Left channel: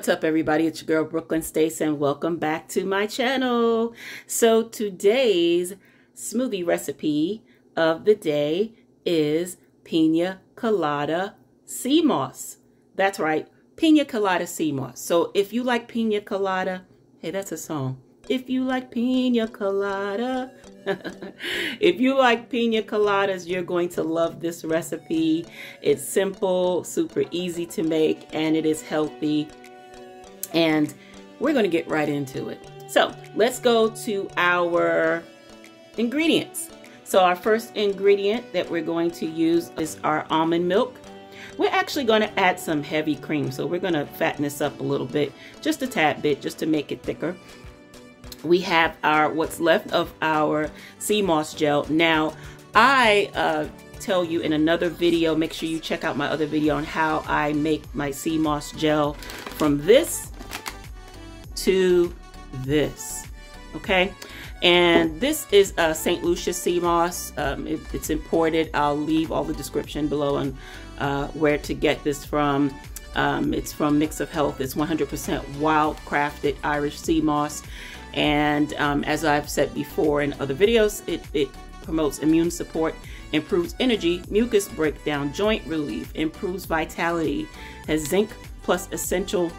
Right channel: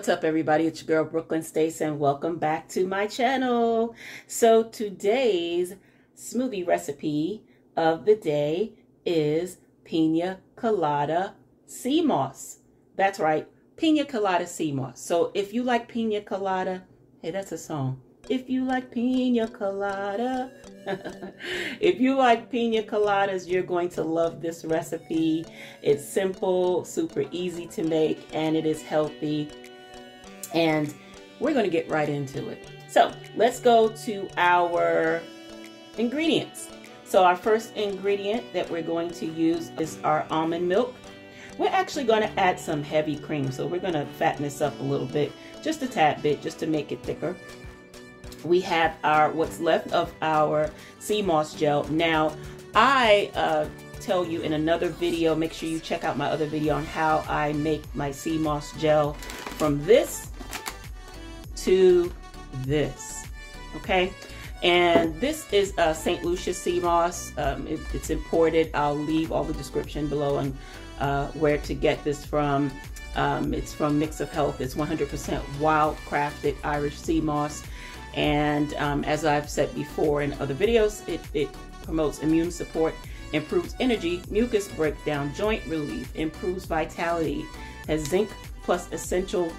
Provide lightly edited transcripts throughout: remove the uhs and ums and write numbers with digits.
What's up, everybody? It's your girl Brooklyn Stace, and welcome back to my channel. So today's smoothie recipe of the day is Piña Colada Seamoss. That's right, Piña Colada Seamoss. So if you like Piña Colada, hey, that's a song. If you like Piña Colada, if you like Piña Coladas, you're going to love this recipe. It's simple, super easy to make, and it is healthy. And we're going to get right into it. So let's go to our ingredients. So our first ingredient that we're going to use is our almond milk. We're actually going to add some heavy cream. So we're going to fatten this up a little bit, just a tad bit, just to make it thicker. We have our what's left of our Seamoss gel. Now, I tell you in another video, make sure you check out my other video on how I make my Seamoss gel from this to this, okay? And this is St. Lucia Seamoss. It's imported. I'll leave all the description below on where to get this from. It's from Mix of Health. It's 100% wild crafted Irish Seamoss. And as I've said before in other videos, it promotes immune support, improves energy, mucus breakdown, joint relief, improves vitality, has zinc plus essential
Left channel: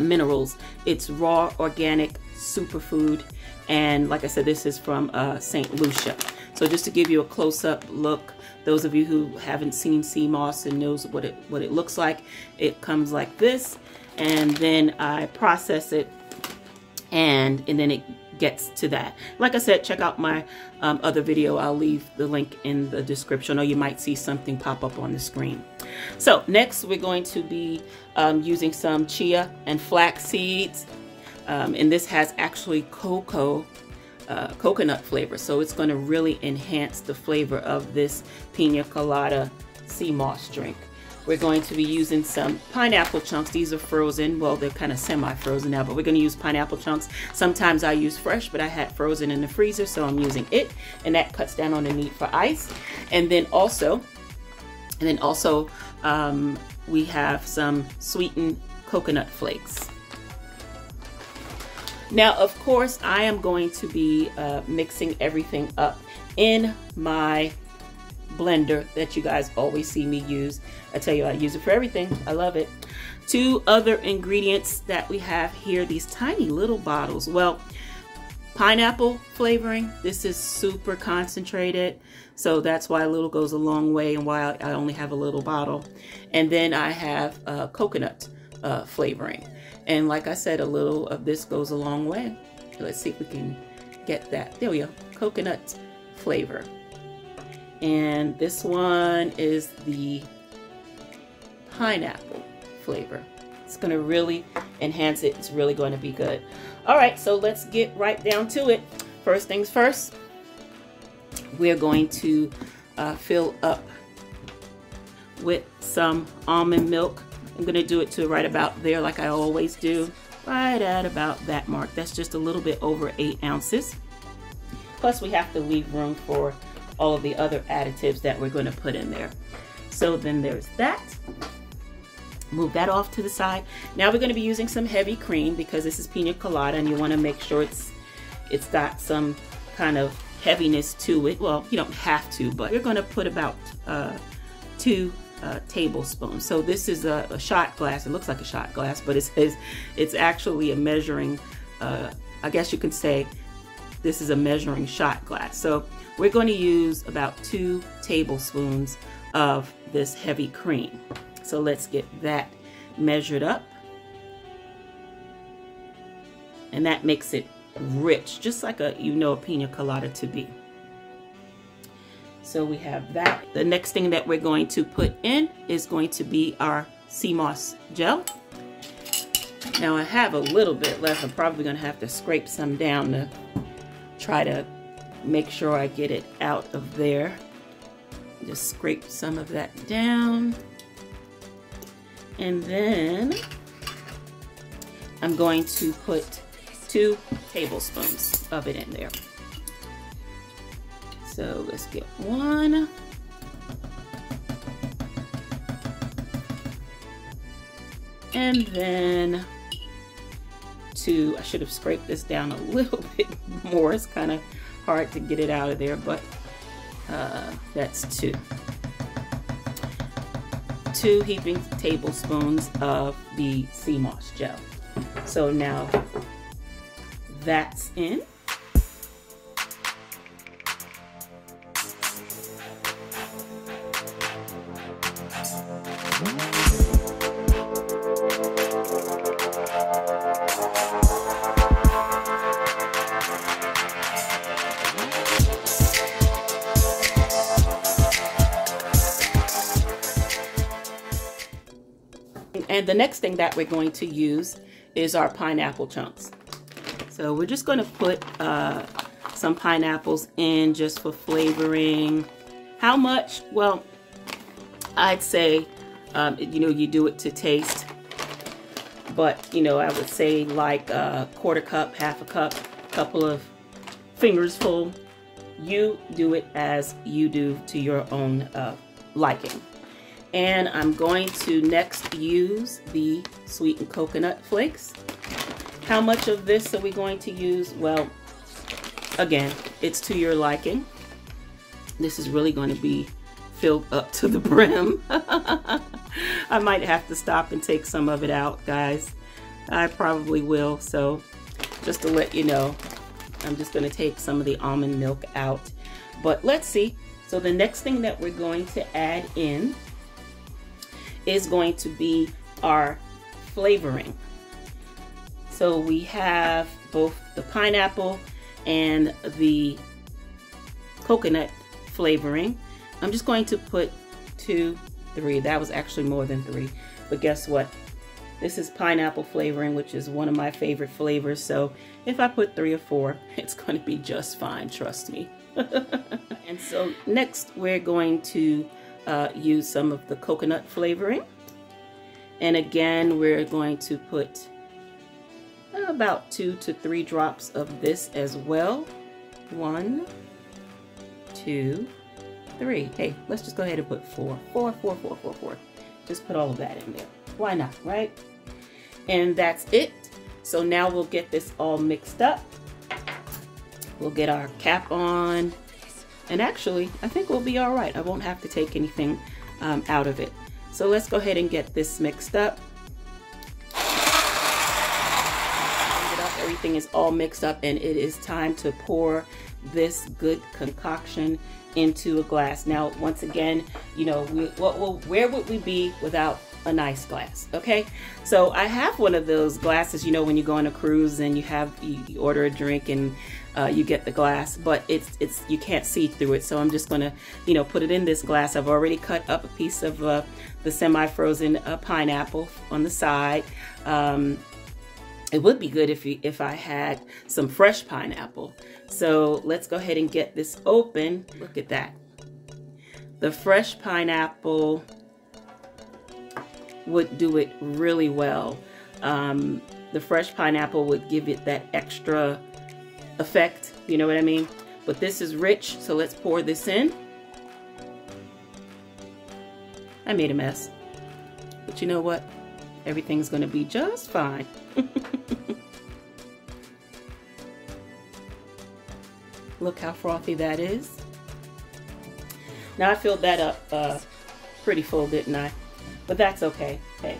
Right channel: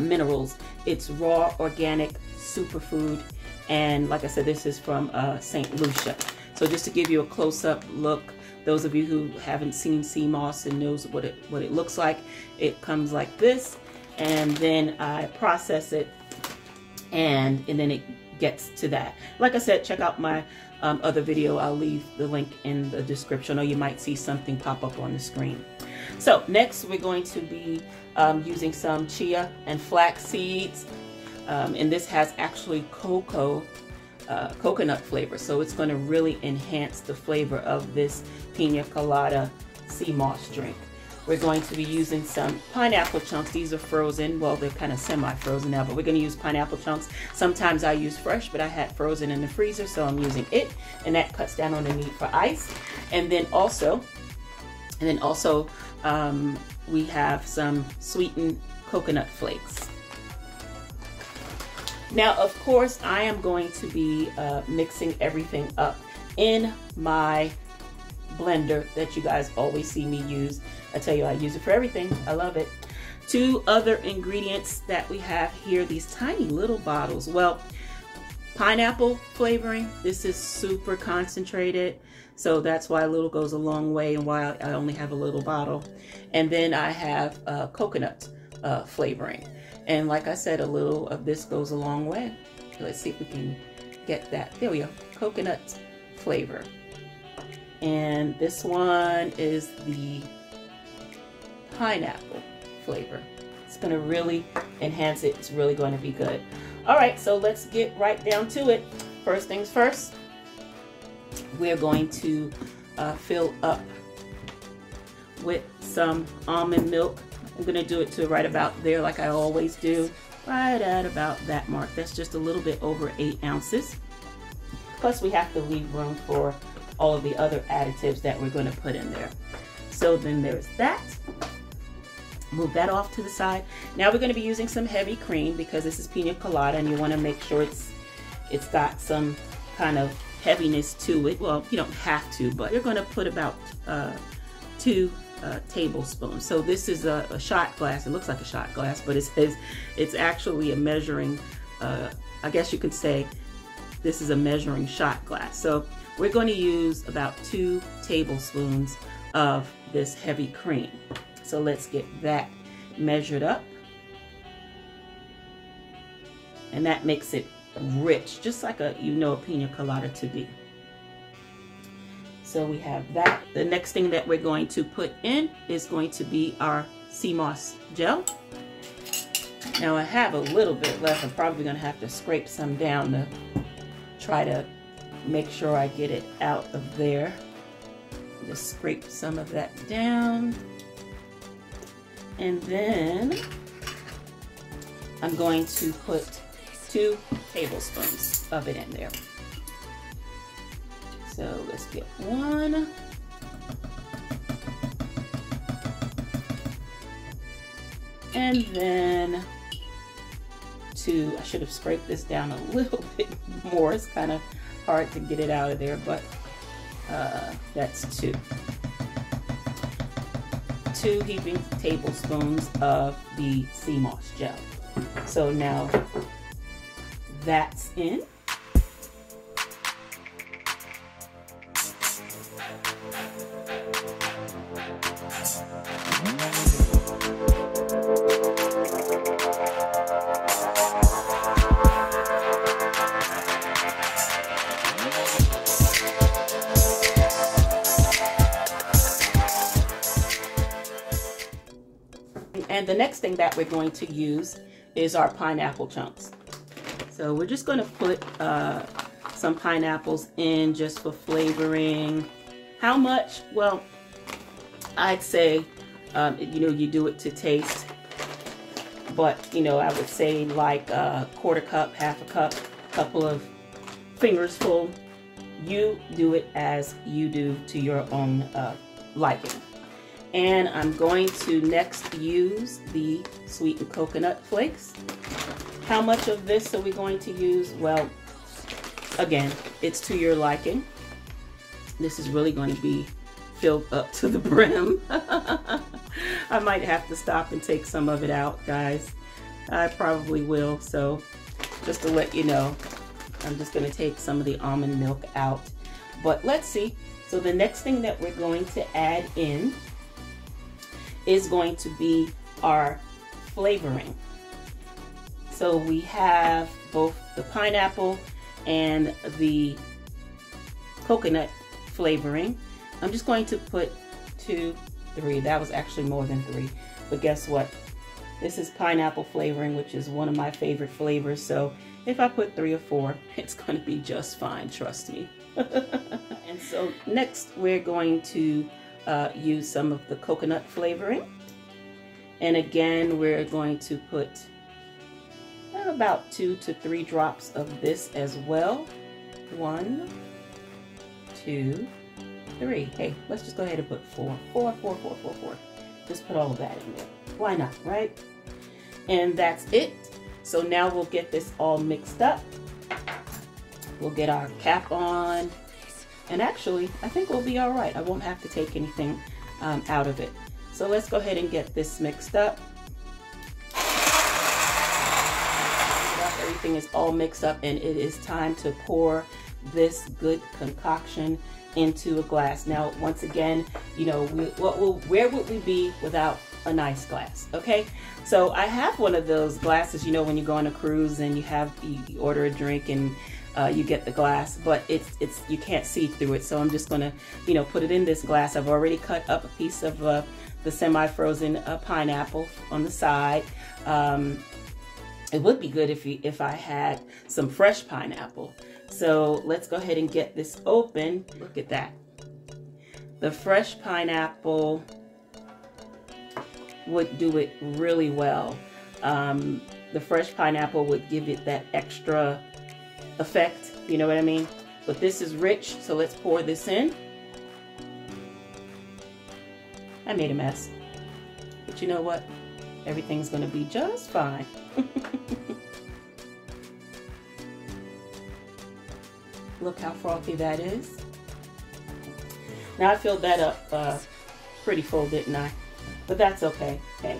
minerals. It's raw, organic, superfood. And like I said, this is from St. Lucia. So just to give you a close-up look, those of you who haven't seen Seamoss and knows what it looks like, it comes like this. And then I process it, and then it gets to that. Like I said, check out my other video. I'll leave the link in the description, or you might see something pop up on the screen. So next we're going to be using some chia and flax seeds, and this has actually coconut flavor, so it's going to really enhance the flavor of this Piña Colada Seamoss drink. We're going to be using some pineapple chunks. These are frozen. Well, they're kind of semi-frozen now, but we're going to use pineapple chunks. Sometimes I use fresh, but I had frozen in the freezer, so I'm using it, and that cuts down on the need for ice. And then also we have some sweetened coconut flakes. Now, of course, I am going to be mixing everything up in my blender that you guys always see me use. I tell you, I use it for everything. I love it. Two other ingredients that we have here, these tiny little bottles. Well, pineapple flavoring. This is super concentrated, so that's why a little goes a long way and why I only have a little bottle. And then I have coconut flavoring. And like I said, a little of this goes a long way. Let's see if we can get that. There we go, coconut flavor. And this one is the pineapple flavor. It's going to really enhance it. It's really going to be good. All right, so let's get right down to it. First things first, we're going to fill up with some almond milk. I'm going to do it to right about there, like I always do, right at about that mark. That's just a little bit over 8 ounces. Plus, we have to leave room for all of the other additives that we're going to put in there. So then there's that. Move that off to the side. Now we're going to be using some heavy cream because this is Piña Colada, and you want to make sure it's got some kind of heaviness to it. Well, you don't have to, but you're going to put about 2 tablespoons. So this is a shot glass. It looks like a shot glass, but it's actually a measuring, I guess you could say this is a measuring shot glass. So we're going to use about 2 tablespoons of this heavy cream. So let's get that measured up. And that makes it rich, just like a Piña Colada to be. So we have that. The next thing that we're going to put in is going to be our Seamoss gel. Now I have a little bit left. I'm probably going to have to scrape some down to try to make sure I get it out of there. Just scrape some of that down. And then I'm going to put 2 tablespoons of it in there. So let's get 1. And then I should have scraped this down a little bit more. It's kind of hard to get it out of there, but that's 2 heaping tablespoons of the Seamoss gel. So now that's in. And the next thing that we're going to use is our pineapple chunks. So we're just going to put some pineapples in just for flavoring. How much? Well, I'd say, you know, you do it to taste. But, you know, I would say like a 1/4 cup, 1/2 cup, couple of fingers full. You do it as you do to your own liking. And I'm going to next use the sweetened coconut flakes. How much of this are we going to use? Well, again, it's to your liking. This is really going to be filled up to the brim. I might have to stop and take some of it out, guys. I probably will. So just to let you know, I'm just going to take some of the almond milk out. But let's see. So the next thing that we're going to add in is going to be our flavoring. So we have both the pineapple and the coconut flavoring. I'm just going to put 2, 3. That was actually more than 3. But guess what? This is pineapple flavoring, which is one of my favorite flavors. So if I put 3 or 4, it's going to be just fine, trust me. And so next we're going to use some of the coconut flavoring. And again, we're going to put about 2 to 3 drops of this as well. 1, 2, 3. Hey, let's just go ahead and put 4. 4. Just put all of that in there. Why not, right? And that's it. So now we'll get this all mixed up. We'll get our cap on. And actually, I think we'll be all right. I won't have to take anything out of it. So let's go ahead and get this mixed up. Everything is all mixed up, and it is time to pour this good concoction into a glass. Now, once again, you know, where would we be without a nice glass? Okay, so I have one of those glasses, you know, when you go on a cruise and you order a drink and you get the glass, but it's you can't see through it. So I'm just gonna, you know, put it in this glass. I've already cut up a piece of the semi-frozen pineapple on the side. It would be good if I had some fresh pineapple. So let's go ahead and get this open. Look at that. The fresh pineapple would do it really well. The fresh pineapple would give it that extra effect, you know what I mean? But this is rich, so let's pour this in. I made a mess, but you know what? Everything's gonna be just fine. Look how frothy that is. Now I filled that up pretty full, didn't I? But that's okay. Hey,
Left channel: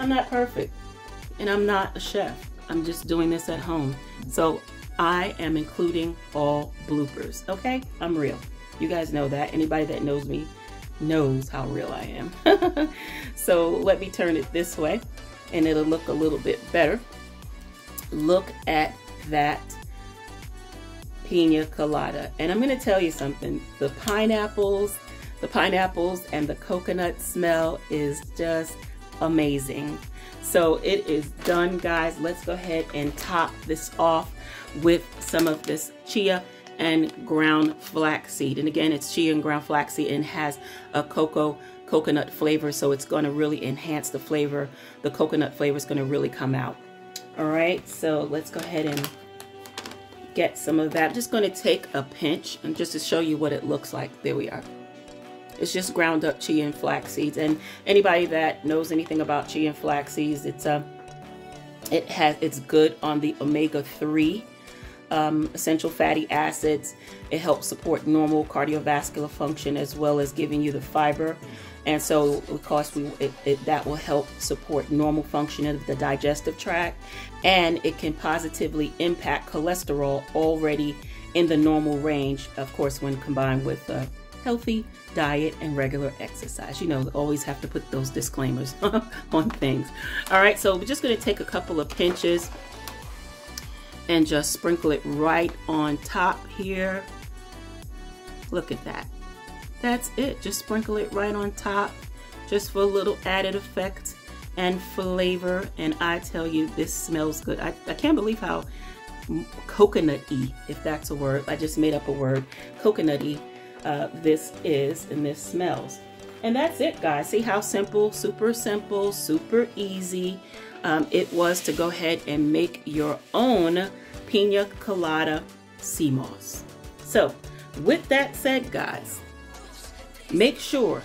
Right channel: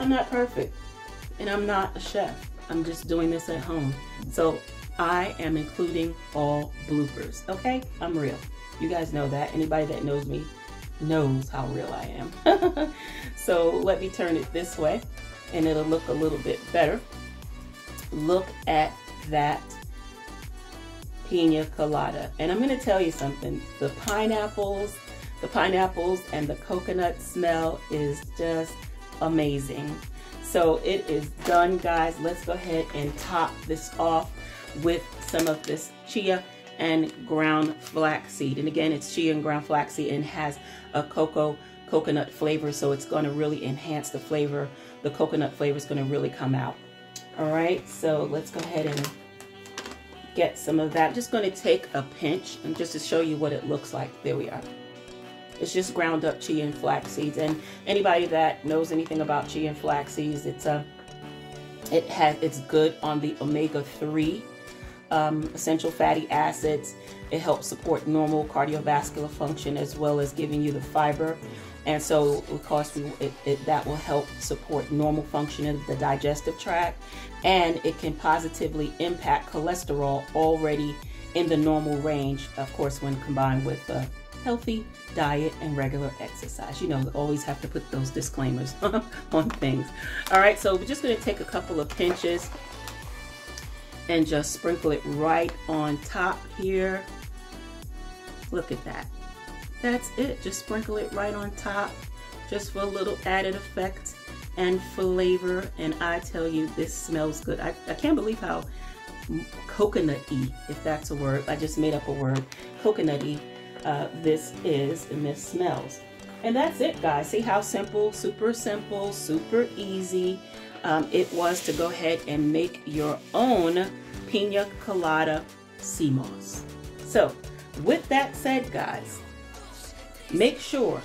I'm not perfect, and I'm not a chef. I'm just doing this at home. So I am including all bloopers, okay? I'm real. You guys know that. Anybody that knows me knows how real I am. So let me turn it this way, and it'll look a little bit better. Look at that pina colada. And I'm going to tell you something. The pineapples and the coconut smell is just amazing. So it is done, guys. Let's go ahead and top this off with some of this chia and ground flaxseed. And again, it's chia and ground flaxseed and has a coconut flavor, so it's going to really enhance the flavor. The coconut flavor is going to really come out. All right, so let's go ahead and get some of that. I'm just going to take a pinch and just to show you what it looks like. There we are. It's just ground up chia and flax seeds. And anybody that knows anything about chia and flax seeds, it's good on the omega-3 essential fatty acids. It helps support normal cardiovascular function as well as giving you the fiber. And so, of course, that will help support normal function of the digestive tract, and it can positively impact cholesterol already in the normal range, of course, when combined with a healthy diet and regular exercise. You know, we always have to put those disclaimers on things. All right, so we're just going to take a couple of pinches and just sprinkle it right on top here. Look at that. That's it. Just sprinkle it right on top, just for a little added effect and flavor. And I tell you, this smells good. I can't believe how coconut-y, if that's a word. I just made up a word. Coconut-y this is, and this smells. And that's it, guys. See how simple, super easy it was to go ahead and make your own Piña Colada Seamoss. So with that said, guys, make sure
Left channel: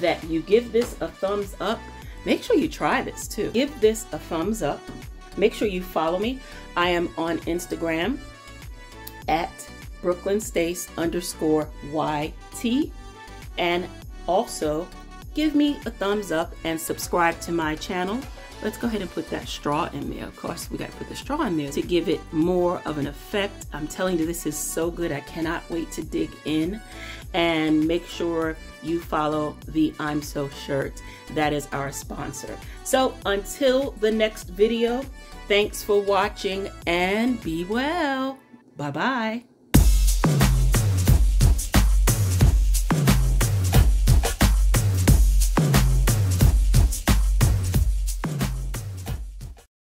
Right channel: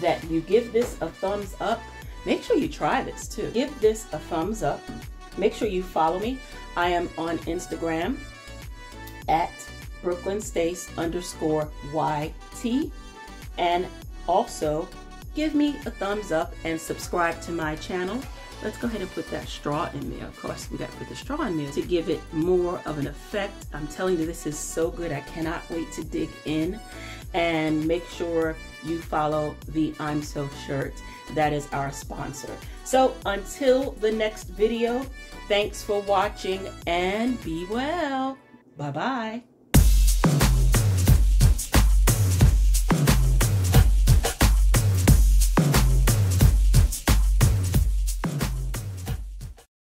that you give this a thumbs up. Make sure you try this too. Give this a thumbs up. Make sure you follow me. I am on Instagram at BrooklynStace_YT. And also give me a thumbs up and subscribe to my channel. Let's go ahead and put that straw in there. Of course, we got to put the straw in there to give it more of an effect. I'm telling you, this is so good. I cannot wait to dig in. And make sure you follow the I'm So shirt. That is our sponsor. So until the next video, thanks for watching and be well. Bye-bye.